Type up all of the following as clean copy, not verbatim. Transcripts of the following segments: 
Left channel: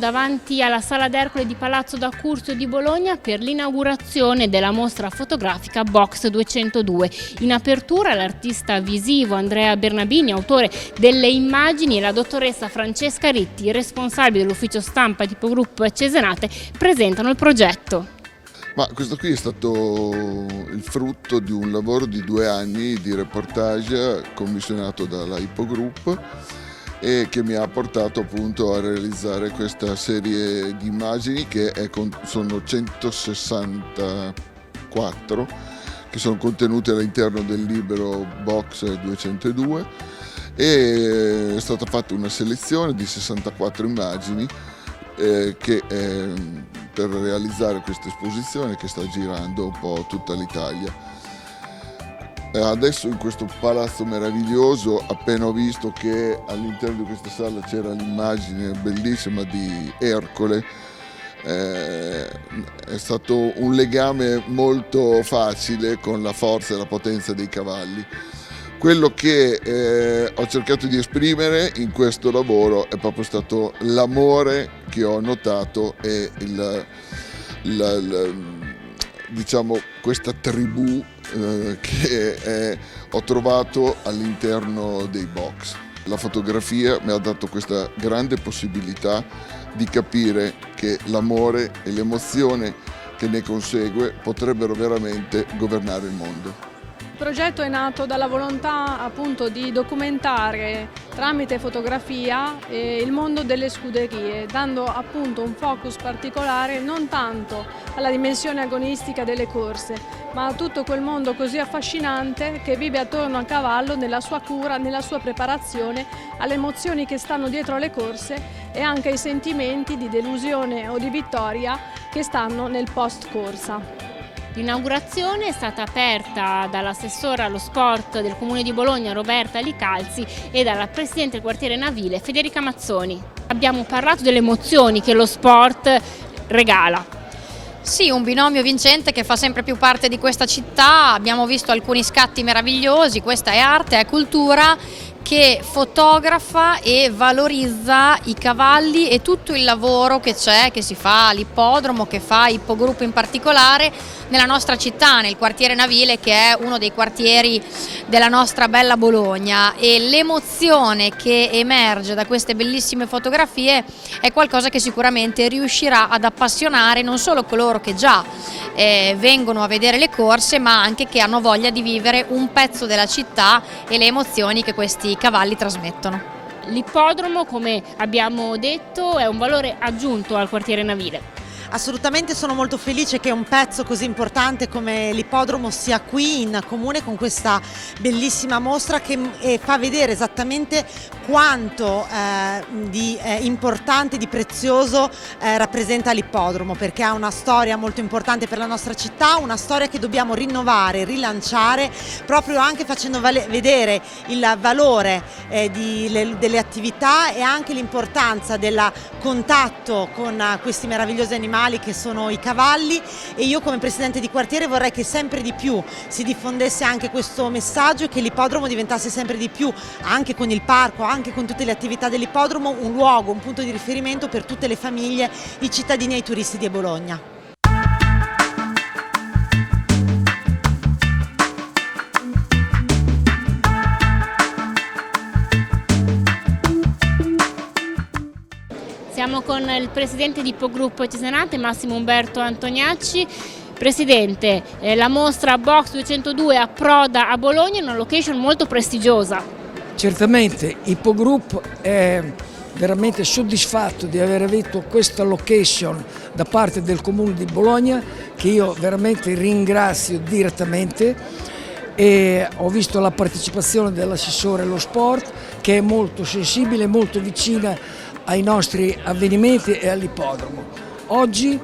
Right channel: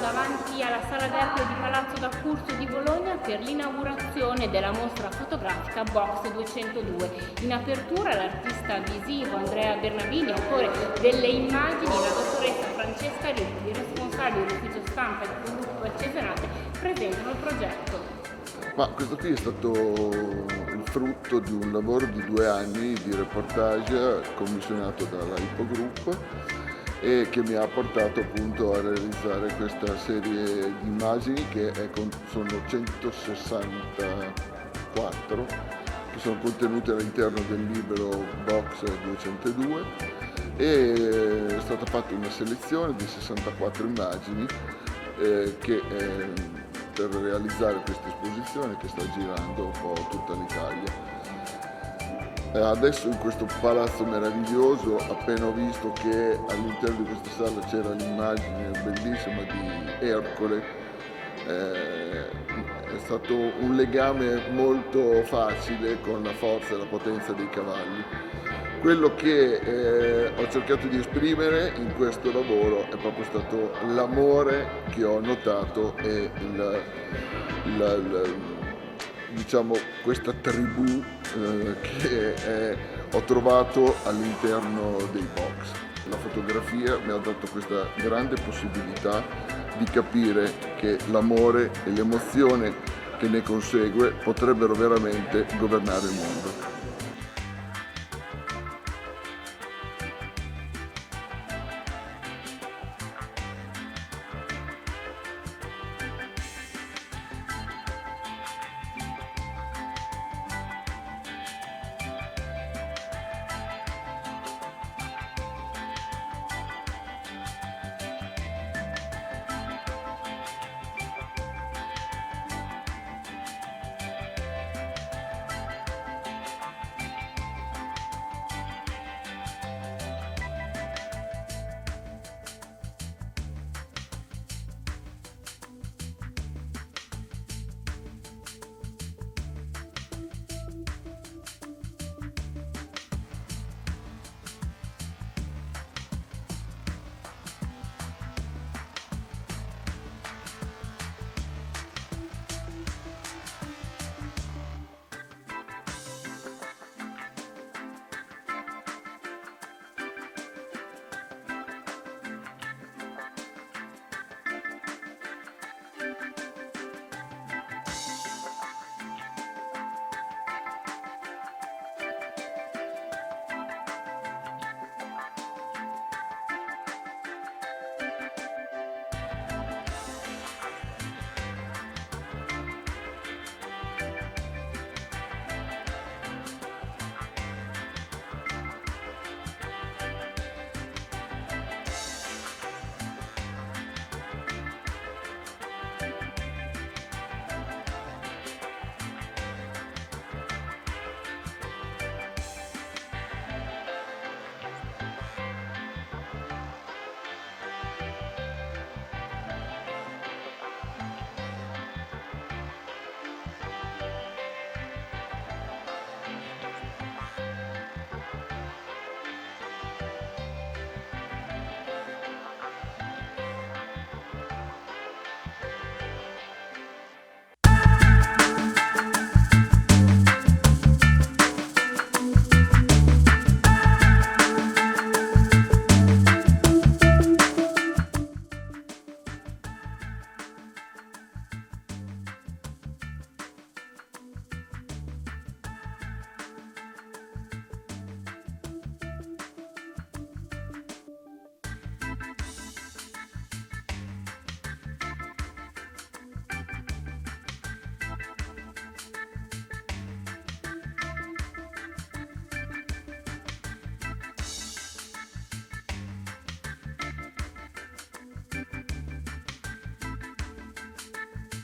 davanti alla Sala d'Ercole di Palazzo d'Accursio di Bologna per l'inaugurazione della mostra fotografica Box 202. In apertura l'artista visivo Andrea Bernabini, autore delle immagini, e la dottoressa Francesca Ritti, responsabile dell'ufficio stampa di Ipogroup Cesenate, presentano il progetto. Ma questo qui è stato il frutto di un lavoro di 2 anni di reportage commissionato dalla Ipogroup e che mi ha portato appunto a realizzare questa serie di immagini che sono 164 che sono contenute all'interno del libro Box 202 e è stata fatta una selezione di 64 immagini per realizzare questa esposizione che sta girando un po' tutta l'Italia. Adesso in questo palazzo meraviglioso, appena ho visto che all'interno di questa sala c'era l'immagine bellissima di Ercole, è stato un legame molto facile con la forza e la potenza dei cavalli. Quello che ho cercato di esprimere in questo lavoro è proprio stato l'amore che ho notato e diciamo questa tribù che ho trovato all'interno dei box. La fotografia mi ha dato questa grande possibilità di capire che l'amore e l'emozione che ne consegue potrebbero veramente governare il mondo. Il progetto è nato dalla volontà appunto di documentare tramite fotografia il mondo delle scuderie, dando appunto un focus particolare non tanto alla dimensione agonistica delle corse, ma a tutto quel mondo così affascinante che vive attorno al cavallo, nella sua cura, nella sua preparazione, alle emozioni che stanno dietro alle corse e anche ai sentimenti di delusione o di vittoria che stanno nel post corsa. L'inaugurazione è stata aperta dall'assessora allo sport del Comune di Bologna Roberta Licalzi e dalla presidente del quartiere navile Federica Mazzoni. Abbiamo parlato delle emozioni che lo sport regala. Sì, un binomio vincente che fa sempre più parte di questa città. Abbiamo visto alcuni scatti meravigliosi, questa è arte, è cultura, che fotografa e valorizza i cavalli e tutto il lavoro che c'è, che si fa all'ippodromo, che fa Ipogroup in particolare nella nostra città, nel quartiere navile, che è uno dei quartieri della nostra bella Bologna, e l'emozione che emerge da queste bellissime fotografie è qualcosa che sicuramente riuscirà ad appassionare non solo coloro che già vengono a vedere le corse, ma anche che hanno voglia di vivere un pezzo della città e le emozioni che questi cavalli trasmettono. L'ippodromo, come abbiamo detto, è un valore aggiunto al quartiere navile. Assolutamente, sono molto felice che un pezzo così importante come l'ippodromo sia qui in comune con questa bellissima mostra che fa vedere esattamente quanto di importante, di prezioso rappresenta l'ippodromo, perché ha una storia molto importante per la nostra città, una storia che dobbiamo rinnovare, rilanciare, proprio anche facendo vedere il valore delle attività e anche l'importanza del contatto con questi meravigliosi animali che sono i cavalli, e io come presidente di quartiere vorrei che sempre di più si diffondesse anche questo messaggio e che l'ippodromo diventasse sempre di più, anche con il parco, anche con tutte le attività dell'ippodromo, un luogo, un punto di riferimento per tutte le famiglie, i cittadini e i turisti di Bologna. Siamo con il presidente di Ipogroup Cesenate, Massimo Umberto Antoniacci. Presidente, la mostra Box 202 approda a Bologna in una location molto prestigiosa. Certamente, Ipogroup è veramente soddisfatto di aver avuto questa location da parte del Comune di Bologna, che io veramente ringrazio direttamente, e ho visto la partecipazione dell'assessore allo sport, che è molto sensibile, molto vicina ai nostri avvenimenti e all'ippodromo. Oggi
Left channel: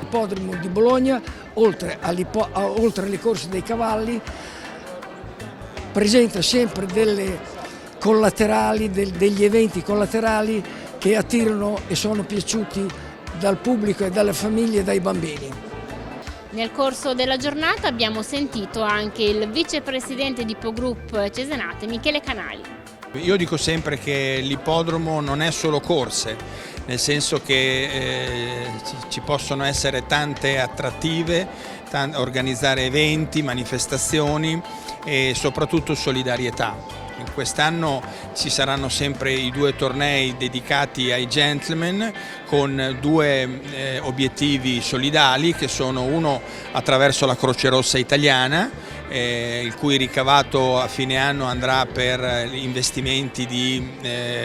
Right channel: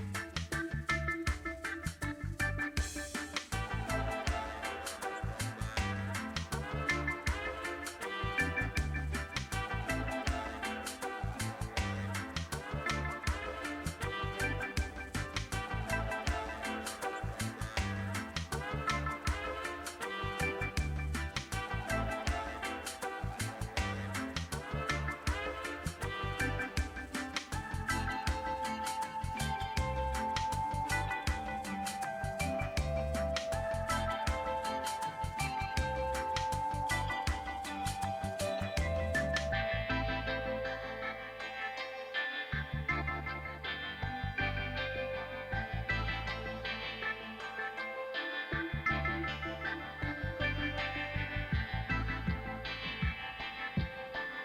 l'ippodromo di Bologna, oltre alle corse dei cavalli, presenta sempre delle collaterali, degli eventi collaterali che attirano e sono piaciuti dal pubblico e dalle famiglie e dai bambini. Nel corso della giornata abbiamo sentito anche il vicepresidente di Ipogroup Cesenate, Michele Canali. Io dico sempre che l'ippodromo non è solo corse, nel senso che ci possono essere tante attrattive, organizzare eventi, manifestazioni e soprattutto solidarietà. Quest'anno ci saranno sempre i 2 tornei dedicati ai gentleman con 2 obiettivi solidali, che sono uno attraverso la Croce Rossa Italiana, il cui ricavato a fine anno andrà per investimenti di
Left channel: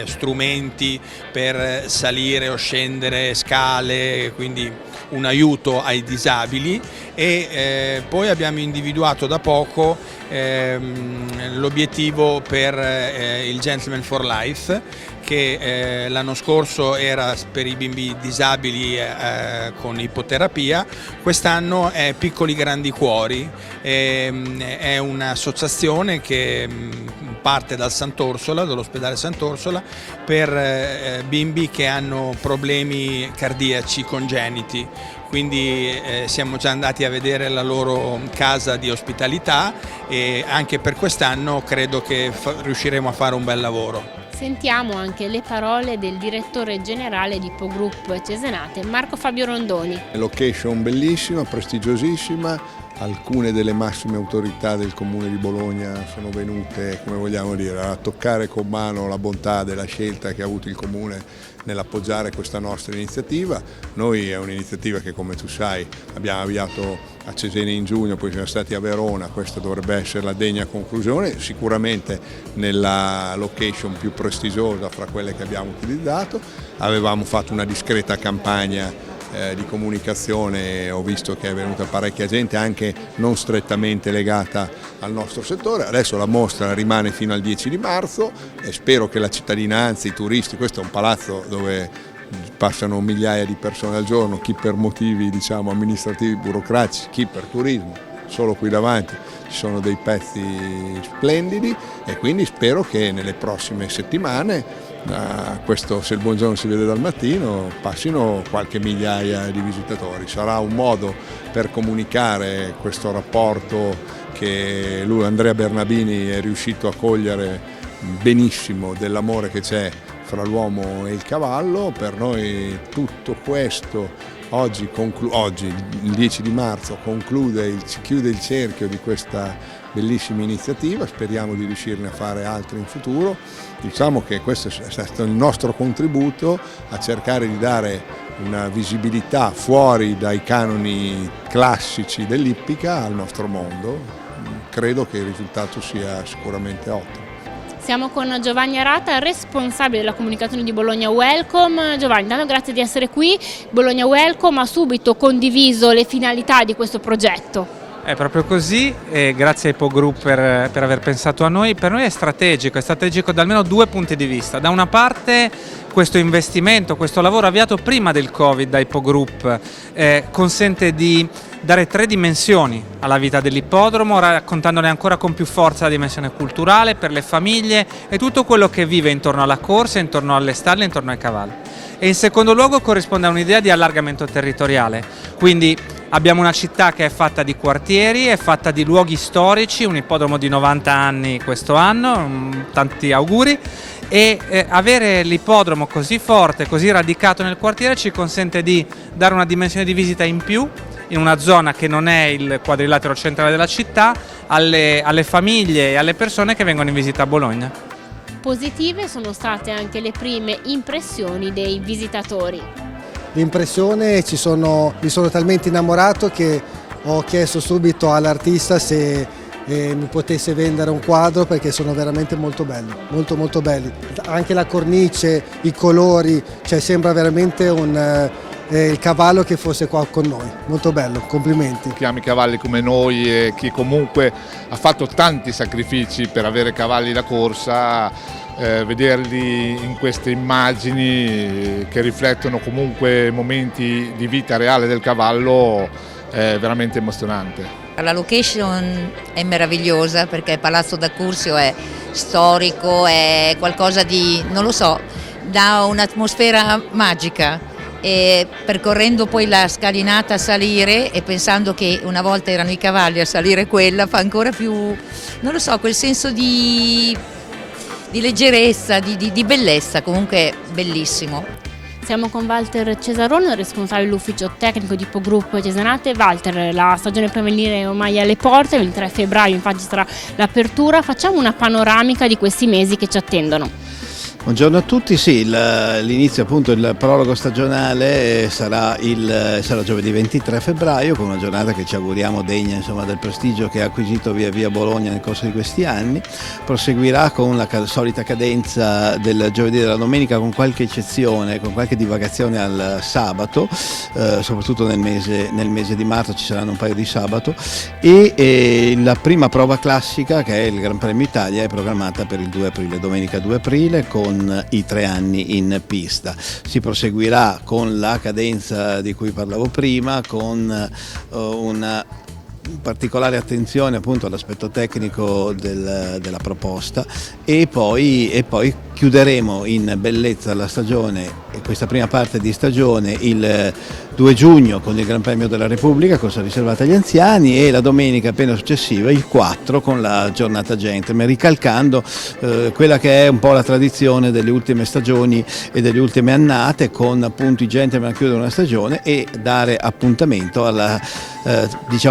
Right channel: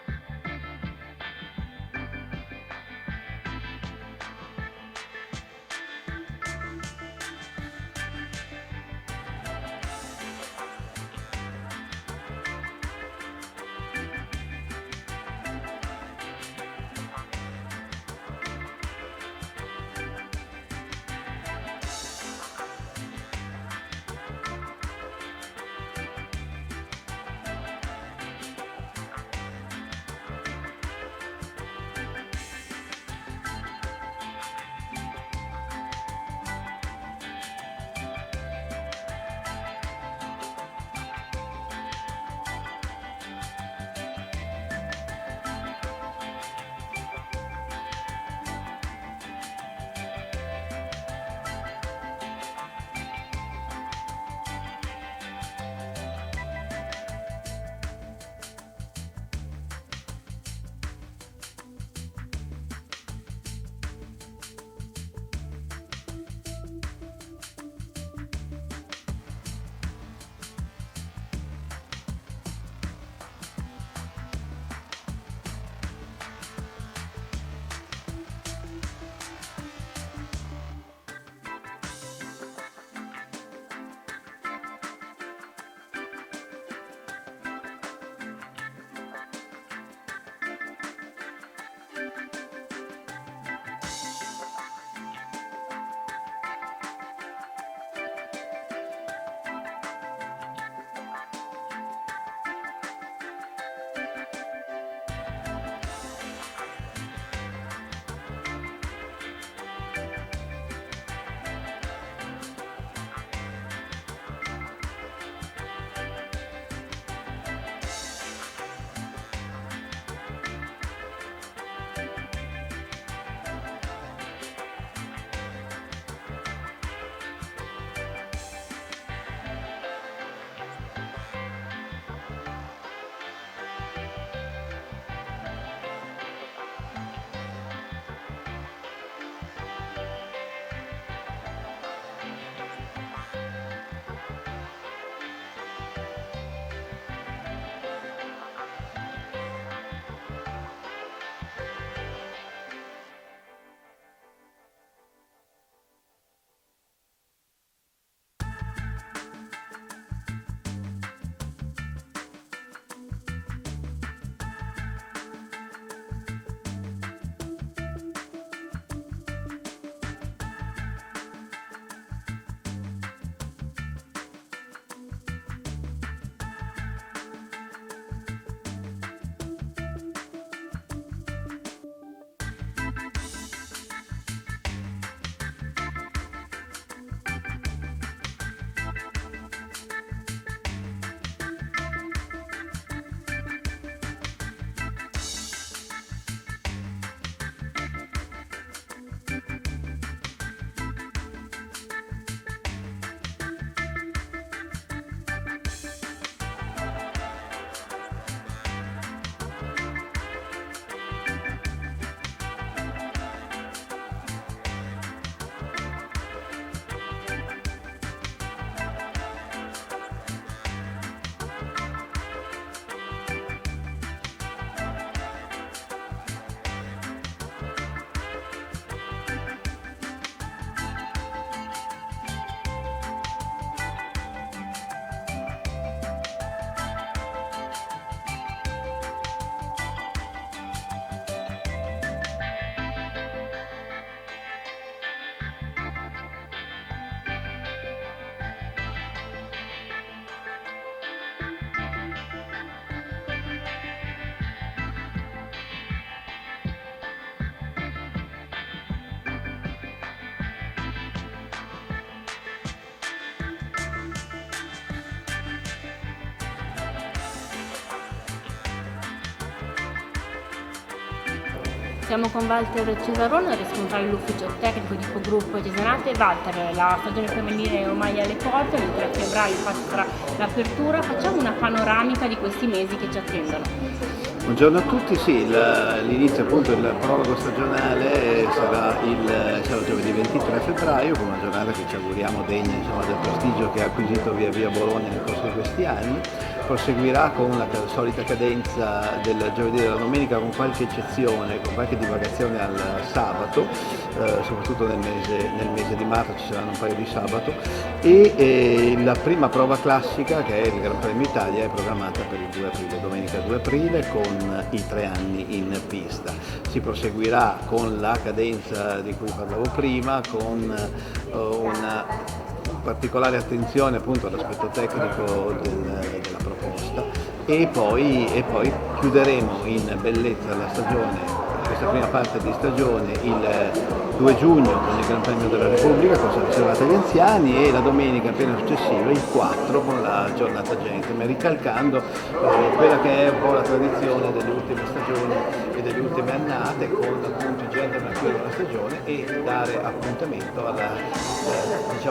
strumenti per salire o scendere scale, quindi un aiuto ai disabili, e poi abbiamo individuato da poco l'obiettivo per il Gentleman for Life, che l'anno scorso era per i bimbi disabili con ipoterapia, quest'anno è Piccoli Grandi Cuori, è un'associazione che parte dal Sant'Orsola, dall'ospedale Sant'Orsola, per bimbi che hanno problemi cardiaci congeniti. Quindi siamo già andati a vedere la loro casa di ospitalità e anche per quest'anno credo che riusciremo a fare un bel lavoro. Sentiamo anche le parole del direttore generale di Ippogroup Cesenate, Marco Fabio Rondoni. Location bellissima, prestigiosissima, alcune delle massime autorità del Comune di Bologna sono venute, come vogliamo dire, a toccare con mano la bontà della scelta che ha avuto il Comune nell'appoggiare questa nostra iniziativa. Noi è un'iniziativa che, come tu sai, abbiamo avviato a Cesena in giugno, poi siamo stati a Verona, questa dovrebbe essere la degna conclusione, sicuramente nella location più prestigiosa fra quelle che abbiamo utilizzato. Avevamo fatto una discreta campagna di comunicazione, ho visto che è venuta parecchia gente anche non strettamente legata al nostro settore. Adesso la mostra rimane fino al 10 di marzo e spero che la cittadinanza, i turisti, questo è un palazzo dove passano migliaia di persone al giorno, chi per motivi amministrativi, burocratici, chi per turismo. Solo qui davanti ci sono dei pezzi splendidi e quindi spero che nelle prossime settimane, questo se il buongiorno si vede dal mattino, passino qualche migliaia di visitatori. Sarà un modo per comunicare questo rapporto che Andrea Bernabini è riuscito a cogliere benissimo, dell'amore che c'è fra l'uomo e il cavallo. Per noi tutto questo oggi il 10 di marzo chiude il cerchio di questa bellissima iniziativa, speriamo di riuscirne a fare altre in futuro. Diciamo che questo è stato il nostro contributo a cercare di dare una visibilità fuori dai canoni classici dell'ippica al nostro mondo. Credo che il risultato sia sicuramente ottimo. Siamo con Giovanni Arata, responsabile della comunicazione di Bologna Welcome. Giovanni, intanto grazie di essere qui. Bologna Welcome ha subito condiviso le finalità di questo progetto. È proprio così, e grazie a Ippogroup per aver pensato a noi. Per noi è strategico da almeno 2 punti di vista. Da una parte questo investimento, questo lavoro avviato prima del Covid da Ippogroup consente di dare 3 dimensioni alla vita dell'ippodromo, raccontandone ancora con più forza la dimensione culturale per le famiglie e tutto quello che vive intorno alla corsa, intorno alle stalle, intorno ai cavalli. E in secondo luogo corrisponde a un'idea di allargamento territoriale, quindi abbiamo una città che è fatta di quartieri, è fatta di luoghi storici, un ippodromo di 90 anni questo anno, tanti auguri, e avere l'ippodromo così forte, così radicato nel quartiere ci consente di dare una dimensione di visita in più in una zona che non è il quadrilatero centrale della città, alle famiglie e alle persone che vengono in visita a Bologna. Positive sono state anche le prime impressioni dei visitatori. L'impressione, mi sono talmente innamorato che ho chiesto subito all'artista se mi potesse vendere un quadro, perché sono veramente molto belli, molto belli. Anche la cornice, i colori, cioè sembra veramente il cavallo che fosse qua con noi. Molto bello, complimenti. Chi ama i cavalli come noi e chi comunque ha fatto tanti sacrifici per avere cavalli da corsa, vederli in queste immagini che riflettono comunque momenti di vita reale del cavallo è veramente emozionante. La location è meravigliosa perché Palazzo da Curzio è storico, è qualcosa di, non lo so, dà un'atmosfera magica. E percorrendo poi la scalinata a salire e pensando che una volta erano i cavalli a salire quella, fa ancora più, non lo so, quel senso di leggerezza, di bellezza, comunque bellissimo. Siamo con Walter Cesarone, responsabile dell'ufficio tecnico di Ippogroup Cesenate. Walter, la stagione prevenire è ormai alle porte, il 23 febbraio infatti sarà l'apertura. Facciamo una panoramica di questi mesi che ci attendono. Buongiorno a tutti, sì, l'inizio appunto, il prologo stagionale sarà giovedì 23 febbraio con una giornata che ci auguriamo degna, insomma, del prestigio che ha acquisito via via Bologna nel corso di questi anni. Proseguirà con la solita cadenza del giovedì e della domenica, con qualche eccezione, con qualche divagazione al sabato, soprattutto nel mese di marzo ci saranno un paio di sabato, e la prima prova classica, che è il Gran Premio Italia, è programmata per il 2 aprile, domenica 2 aprile, con i 3 anni in pista. Si proseguirà con la cadenza di cui parlavo prima, con una particolare attenzione appunto all'aspetto tecnico della proposta, e poi chiuderemo in bellezza la stagione, questa prima parte di stagione, il 2 giugno con il Gran Premio della Repubblica, corsa riservata agli anziani, e la domenica appena successiva, il 4, con la giornata gentleman, ricalcando quella che è un po' la tradizione delle ultime stagioni e delle ultime annate, con appunto i gentleman a chiudere una stagione e dare appuntamento alla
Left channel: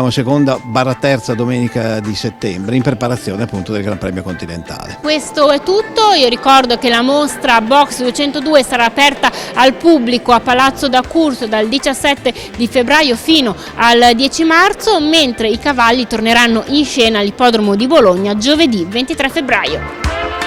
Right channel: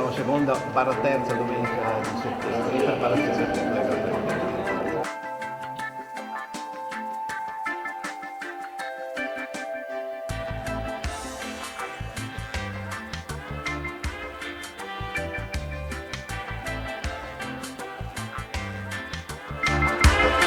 seconda / terza domenica di settembre, in preparazione appunto del Gran Premio Continentale. Questo è tutto. Io ricordo che la mostra Box 202 sarà aperta al pubblico a Palazzo d'Accursio dal 17 di febbraio fino al 10 marzo, mentre i cavalli torneranno in scena all'Ippodromo di Bologna giovedì 23 febbraio.